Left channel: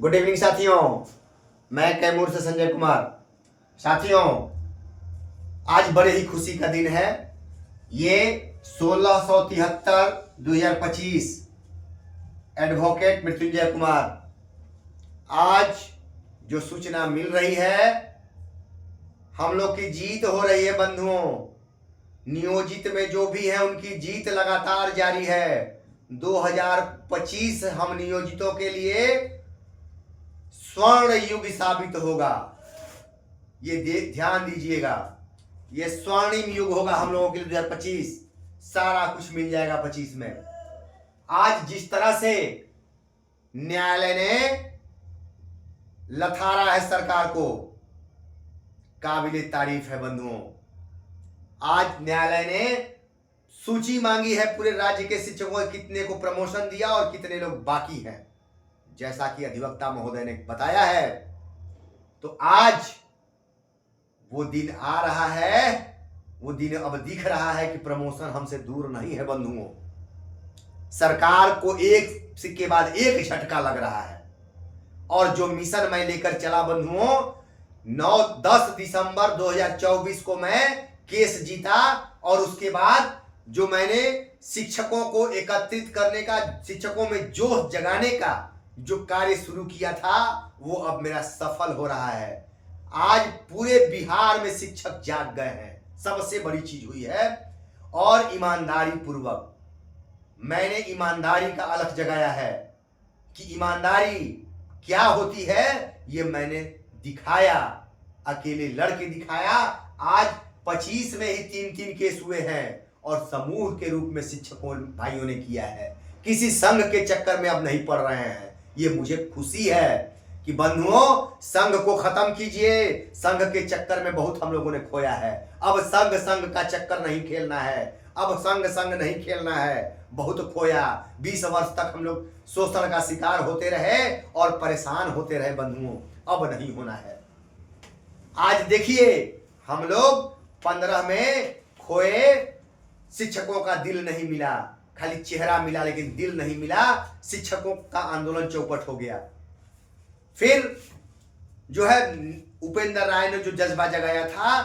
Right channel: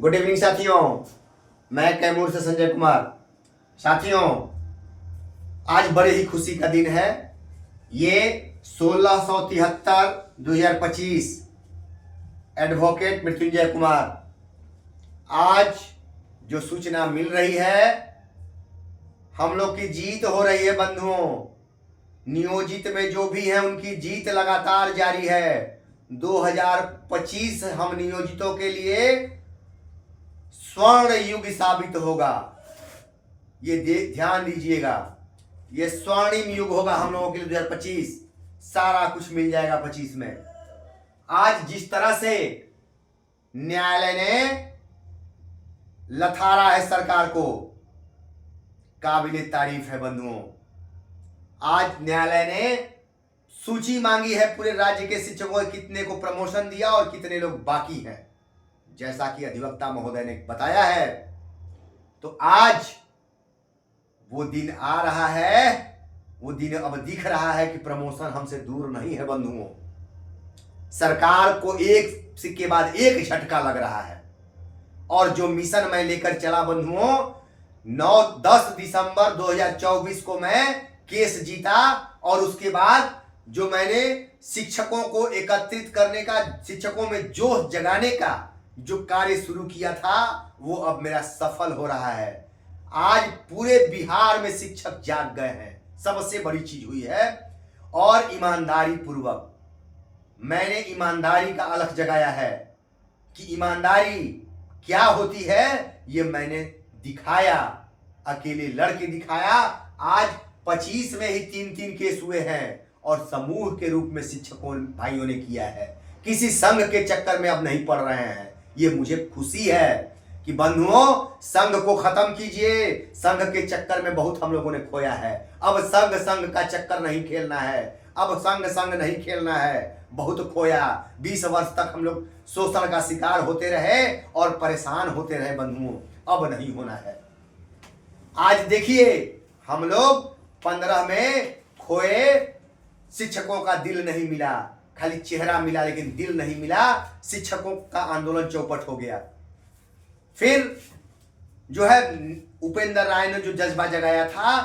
Good evening साथियों, मैं कैमूर से संजय कुमार। साथियों, आज बड़े ही खुशी का दिन है। ये 1673-2025 एडवोकेट मृत्युंजय कुमार। आज जो सूचना मिल रही है, हम लोग की जीत हो रही है बंधुओं। नियोजित में जो भी है उनकी जीत लगातार जारी है। 2025 हम नियोजितों के लिए स्वर्ण युग साबित होगा। ये ध्यान दीजिएगा, ये स्वर्णिम युग होगा हम लोगों के लिए। 2025 सारा कुछ मिल जाएगा 25 में। आज जिस तरह से न्यायालय ने लथारा है सरकार को, काबिले तारीफ है बंधुओं। आज न्यायालय ने सूची मांगी है पूरे राज्य के शिक्षकों, कितने को प्रमोशन दिया और कितने लोग बाकी हैं, जैसा कि अधिवक्ता महोदय ने बताया है। तो आज वो दिन आ रहा है, वो दिन अब दिख रहा है कि प्रमोशन हमसे दूर नहीं है बंधुओं। सरकार को एक सिक्के बाद एक झटका लग रहा है। और जो मिशन मैं लेकर चला बंधुओं, 9-10 दिसंबर 2024 को मैं केस जीता। और उसके बाद जो मैंने शिक्षकों को एकत्रित करने का, शिक्षकों में जोश जगाने का जो कार्य शुरू किया था, वो अब मेरा सफल हो रहा है। आज पूरे बिहार में शिक्षक जाग गए हैं, सबसे बड़ी चीज हुई है। और ईमानदारी पूर्वक मैंने ईमानदारी का अलख जगाया है कि ईमानदारी क्या होती है, ये मैंने दिखाया, अकेले लड़के दिखाया। आज 25 में ही 3-3 केस हुए हैं और समूह के रूप में शिक्षकों भाइयों ने किया है। किसी संघ के चक्कर में अब नहीं पड़ रहे हैं। ये मुझे खुशी है कि बंधुओं, संघ को खत्म कीजिए। संघ के चक्कर में बहुत हम लोगों ने खोया है। अब संघ का चक्कर नहीं खेलना है, अब संघ नहीं खेलना है। बहुत खोया, 20 वर्ष तक हम लोग शोषण का शिकार होते रहे और परेशान होते रहे बंधुओं, अब नहीं होना है। आज देखिए, हम लोग 15 में खोए, शिक्षकों का दिल नहीं मिला, खाली चेहरा मिला लेकिन दिल नहीं मिला। शिक्षकों का आंदोलन चौपट हो गया। फिर जो है उपेंद्र राय ने जो जज्बा जगाया था,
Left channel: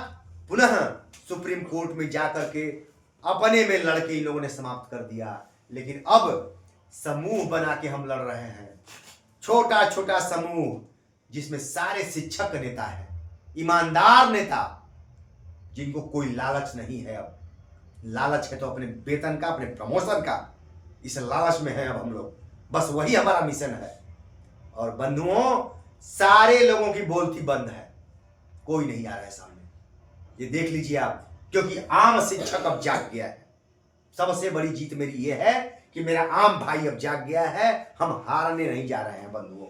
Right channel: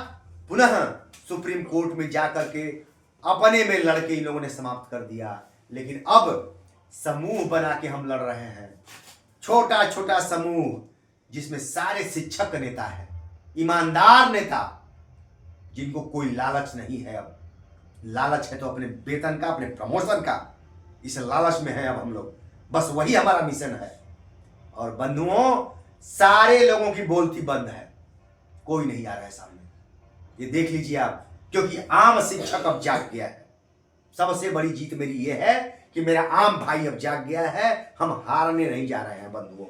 पुनः सुप्रीम कोर्ट में जाकर के अपने में लड़के इन लोगों ने समाप्त कर दिया। लेकिन अब समूह बना के हम लड़ रहे हैं, छोटा छोटा समूह, जिसमें सारे शिक्षक नेता हैं, ईमानदार नेता, जिनको कोई लालच नहीं है। अब लालच है तो अपने वेतन का, अपने प्रमोशन का, इस लालच में है अब हम लोग। बस वही हमारा मिशन है। और बंधुओं, सारे लोगों की बोलती बंद है, कोई नहीं आ रहा है सामने। ये देख लीजिए आप, क्योंकि आम शिक्षक अब जाग गया है। सबसे बड़ी जीत मेरी ये है कि मेरा आम भाई अब जाग गया है। हम हारने नहीं जा रहे हैं बंधुओं।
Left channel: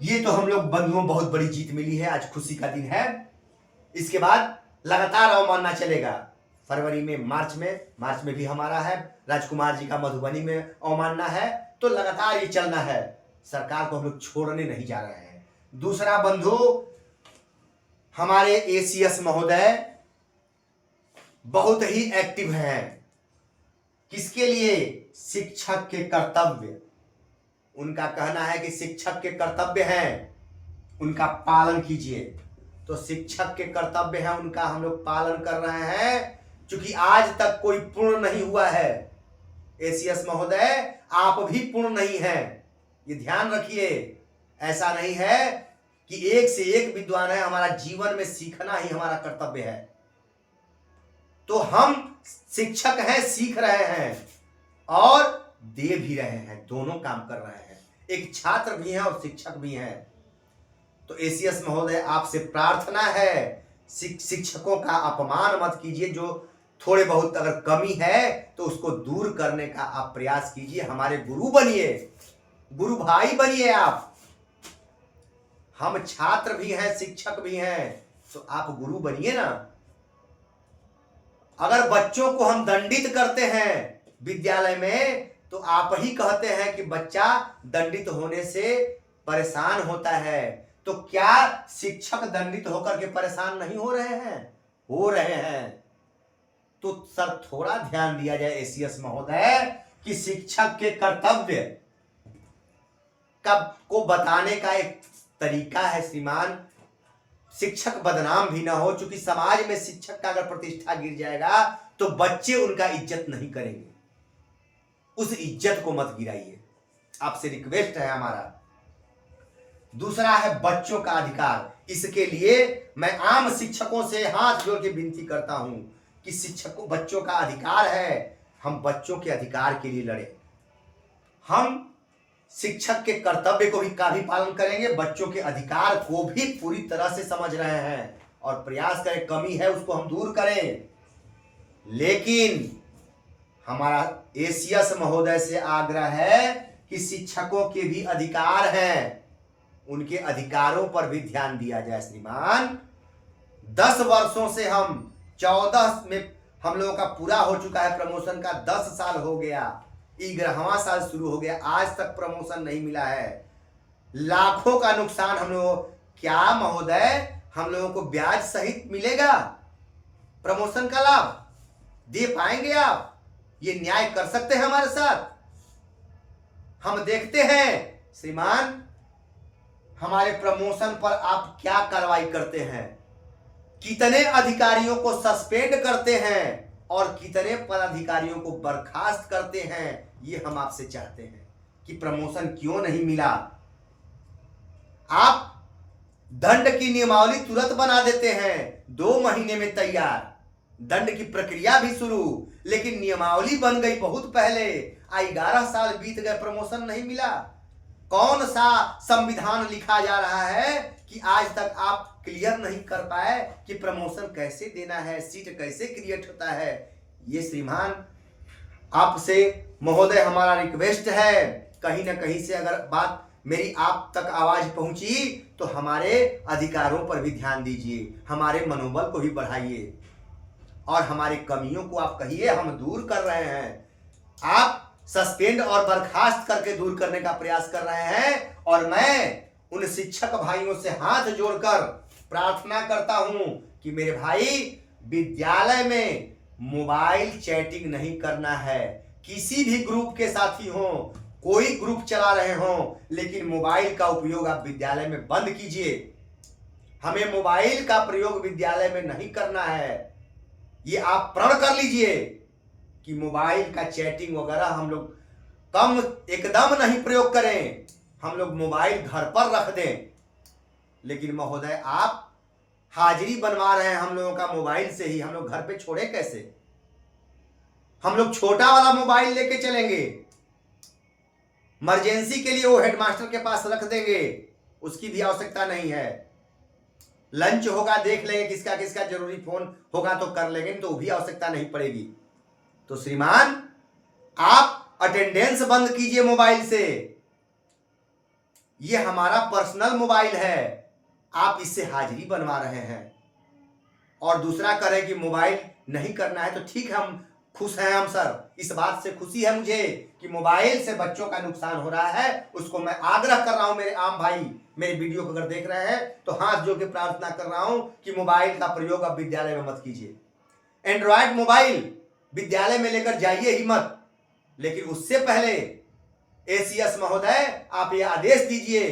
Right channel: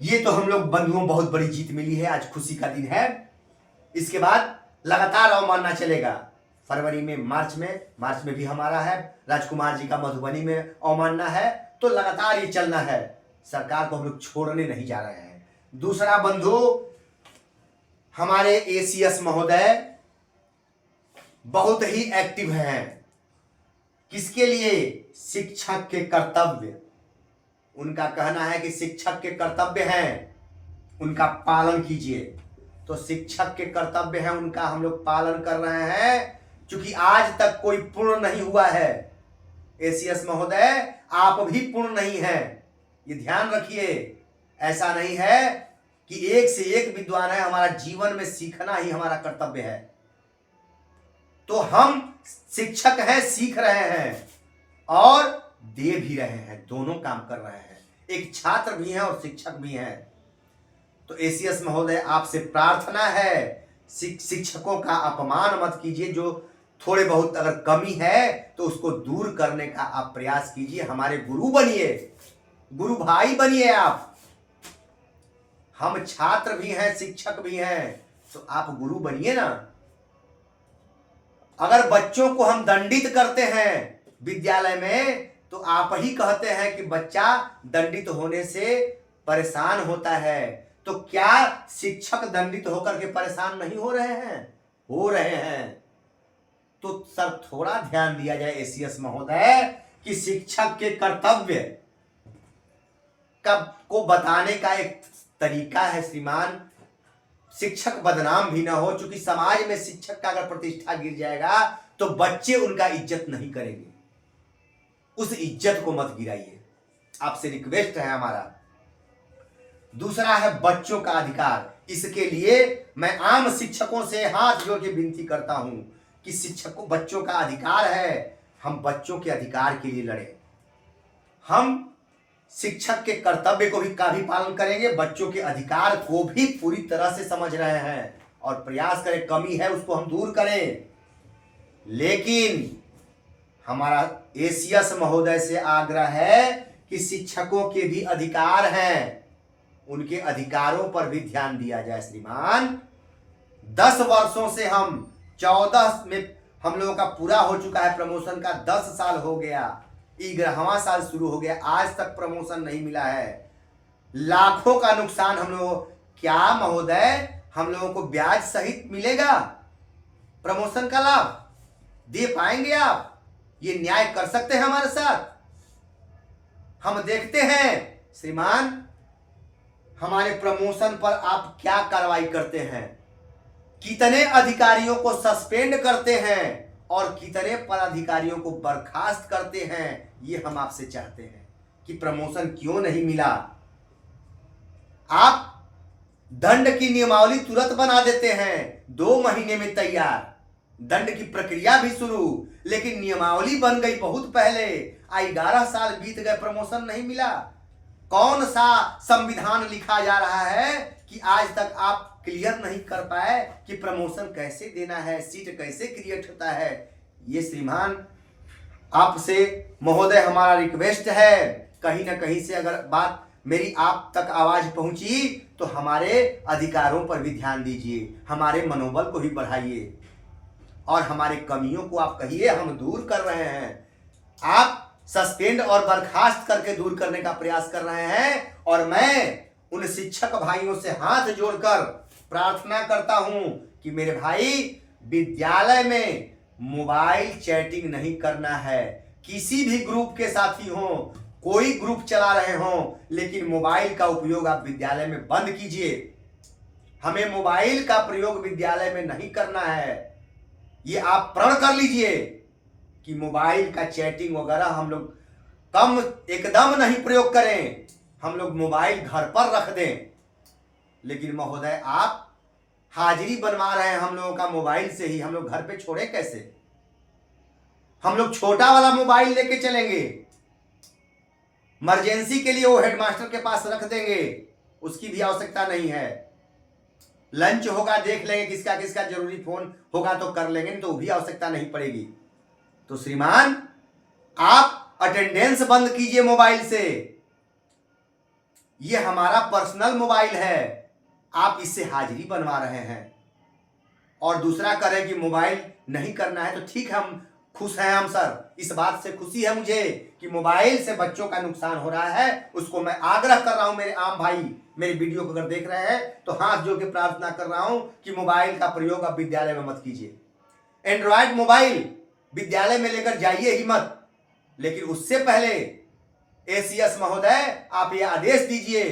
ये तो हम लोग बंधुओं, बहुत बड़ी जीत मिली है। आज खुशी का दिन है। इसके बाद लगातार अवमानना चलेगा। फरवरी में, मार्च में भी हमारा है। राजकुमार जी का मधुबनी में अवमानना है, तो लगातार ये चलना है। सरकार को हम लोग छोड़ने नहीं जा रहे हैं। दूसरा बंधु, हमारे एसीएस महोदय बहुत ही एक्टिव हैं। किसके लिए? शिक्षक के कर्तव्य। उनका कहना है कि शिक्षक के कर्तव्य हैं, उनका पालन कीजिए। तो शिक्षक के कर्तव्य हैं, उनका हम लोग पालन कर रहे हैं। क्योंकि आज तक कोई पूर्ण नहीं हुआ है। एसीएस महोदय, आप भी पूर्ण नहीं हैं, ये ध्यान रखिए। ऐसा नहीं है कि एक से एक विद्वान है। हमारा जीवन में सीखना ही हमारा कर्तव्य है। तो हम शिक्षक हैं, सीख रहे हैं और दे भी रहे हैं, दोनों काम कर रहे हैं। एक छात्र भी हैं और शिक्षक भी हैं। तो एसीएस महोदय, आपसे प्रार्थना है, शिक्षकों का अपमान मत कीजिए। जो थोड़े बहुत अगर कमी है तो उसको दूर करने का आप प्रयास कीजिए। हमारे गुरु बनिए, गुरु भाई बनिए आप। हम छात्र भी हैं, शिक्षक भी हैं, तो आप गुरु बनिए ना। अगर बच्चों को हम दंडित करते हैं विद्यालय में, तो आप ही कहते हैं कि बच्चा दंडित होने से परेशान होता है। तो क्या शिक्षक दंडित होकर के परेशान नहीं हो रहे हैं? हो रहे हैं। तो सर, थोड़ा ध्यान दिया जाए एसीएस महोदय कि शिक्षक के कर्तव्य का को बताने का एक तरीका है श्रीमान, शिक्षक बदनाम भी ना हो, क्योंकि समाज में शिक्षक का अगर प्रतिष्ठा गिर जाएगा तो बच्चे उनका इज्जत नहीं करेंगे। उस इज्जत को मत गिराइए, आपसे रिक्वेस्ट है हमारा। दूसरा है बच्चों का अधिकार। इसके लिए मैं आम शिक्षकों से हाथ जोड़ के विनती करता हूं कि शिक्षकों, बच्चों का अधिकार है, हम बच्चों के अधिकार के लिए लड़े। हम शिक्षक के कर्तव्य को भी पालन करेंगे, बच्चों के अधिकार को भी पूरी तरह से समझ रहे हैं और प्रयास करें, कमी है उसको हम दूर करें। लेकिन हमारा एसीएस महोदय से आग्रह है कि शिक्षकों के भी अधिकार हैं, उनके अधिकारों पर भी ध्यान दिया जाए। श्रीमान 10 वर्षों से हम 14 में हम लोगों का पूरा हो चुका है प्रमोशन का, 10 साल हो गया, 11वां साल शुरू हो गया, आज तक प्रमोशन नहीं मिला है। लाखों का नुकसान हम लोगों, क्या महोदय हम लोगों को ब्याज सहित मिलेगा प्रमोशन का लाभ? दे पाएंगे आप? ये न्याय कर सकते हैं हमारे साथ? हम देखते हैं श्रीमान हमारे प्रमोशन पर आप क्या कार्रवाई करते हैं, कितने अधिकारियों को सस्पेंड करते हैं और कितने पदाधिकारियों को बर्खास्त करते हैं। ये हम आपसे चाहते हैं कि प्रमोशन क्यों नहीं मिला। आप दंड की नियमावली तुरंत बना देते हैं, 2 महीने में तैयार, दंड की प्रक्रिया भी शुरू, लेकिन नियमावली बन गई बहुत पहले। 11 साल बीत गए, प्रमोशन नहीं मिला। कौन सा संविधान लिखा जा रहा है कि आज तक आप क्लियर नहीं कर पाए कि प्रमोशन कैसे देना है, सीट कैसे क्रिएट होता है। ये श्रीमान आपसे महोदय हमारा रिक्वेस्ट है, कहीं ना कहीं से अगर बात मेरी आप तक आवाज पहुंची तो हमारे अधिकारों पर भी ध्यान दीजिए, हमारे मनोबल को भी बढ़ाइए और हमारे कमियों को आप कहिए हम दूर कर रहे हैं। आप सस्पेंड और बर्खास्त करके दूर करने का प्रयास कर रहे हैं और मैं उन शिक्षक भाइयों से हाथ जोड़कर प्रार्थना करता हूं कि मेरे भाई, विद्यालय में मोबाइल चैटिंग नहीं करना है। किसी भी ग्रुप के साथी हो, कोई ग्रुप चला रहे हो, लेकिन मोबाइल का उपयोग आप विद्यालय में बंद कीजिए। हमें मोबाइल का प्रयोग विद्यालय में नहीं करना है। ये आप प्रण कर लीजिए कि मोबाइल का चैटिंग वगैरह हम लोग कम एकदम नहीं प्रयोग करें, हम लोग मोबाइल घर पर रख दें। लेकिन महोदय आप हाजिरी बनवा रहे हैं हम लोगों का मोबाइल से ही, हम लोग घर पे छोड़े कैसे? हम लोग छोटा वाला मोबाइल लेके चलेंगे, इमरजेंसी के लिए वो हेडमास्टर के पास रख देंगे, उसकी भी आवश्यकता नहीं है। लंच होगा देख लेंगे किसका किसका जरूरी फोन होगा तो कर लेंगे, तो भी आवश्यकता नहीं पड़ेगी। तो श्रीमान आप अटेंडेंस बंद कीजिए मोबाइल से, ये हमारा पर्सनल मोबाइल है, आप इससे हाजिरी बनवा रहे हैं। और दूसरा करें कि मोबाइल नहीं करना है तो ठीक है, हम खुश हैं, हम सर इस बात से खुशी है मुझे कि मोबाइल से बच्चों का नुकसान हो रहा है। उसको मैं आग्रह कर रहा हूं, मेरे आम भाई मेरे वीडियो को अगर देख रहे हैं तो हाथ जोड़ के प्रार्थना कर रहा हूं कि मोबाइल का प्रयोग आप विद्यालय में मत कीजिए। एंड्रॉयड मोबाइल विद्यालय में लेकर जाइए ही मत। लेकिन उससे पहले एसीएस महोदय आप ये आदेश दीजिए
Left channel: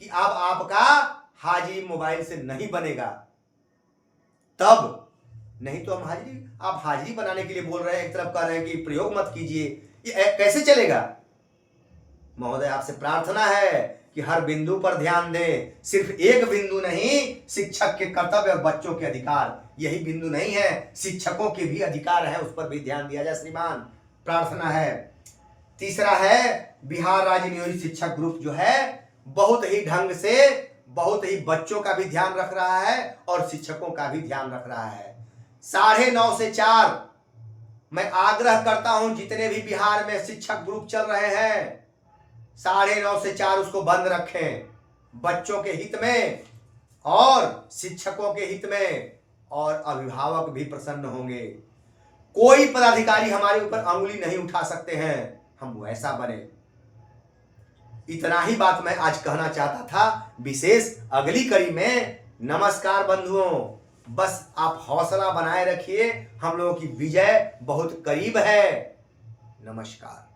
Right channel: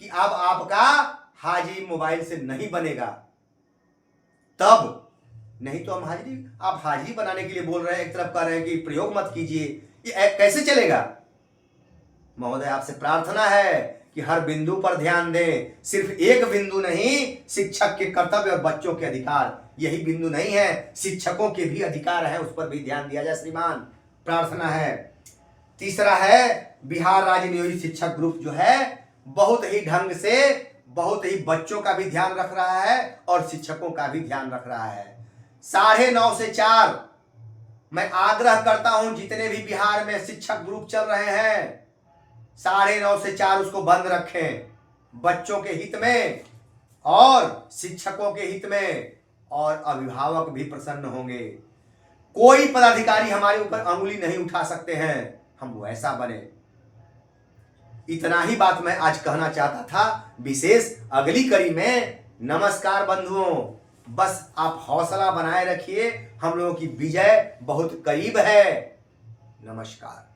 कि अब आपका हाजिरी मोबाइल से नहीं बनेगा, तब नहीं तो हम हाजिरी, आप हाजिरी बनाने के लिए बोल रहे हैं, एक तरफ कह रहे हैं कि प्रयोग मत कीजिए, ये कैसे चलेगा? महोदय आपसे प्रार्थना है कि हर बिंदु पर ध्यान दें, सिर्फ एक बिंदु नहीं, शिक्षक के कर्तव्य और बच्चों के अधिकार यही बिंदु नहीं है, शिक्षकों के भी अधिकार है, उस पर भी ध्यान दिया जाए श्रीमान, प्रार्थना है। तीसरा है बिहार राज्य नियोजित शिक्षक ग्रुप जो है बहुत ही ढंग से, बहुत ही बच्चों का भी ध्यान रख रहा है और शिक्षकों का भी ध्यान रख रहा है। 9:30 से 4 मैं आग्रह करता हूं जितने भी बिहार में शिक्षक ग्रुप चल रहे हैं 9:30 से 4 उसको बंद रखें, बच्चों के हित में और शिक्षकों के हित में, और अभिभावक भी प्रसन्न होंगे। कोई पदाधिकारी हमारे ऊपर अंगुली नहीं उठा सकते हैं, हम वैसा बने। इतना ही बात मैं आज कहना चाहता था विशेष। अगली कड़ी में नमस्कार बंधुओं, बस आप हौसला बनाए रखिए, हम लोगों की विजय बहुत करीब है। नमस्कार।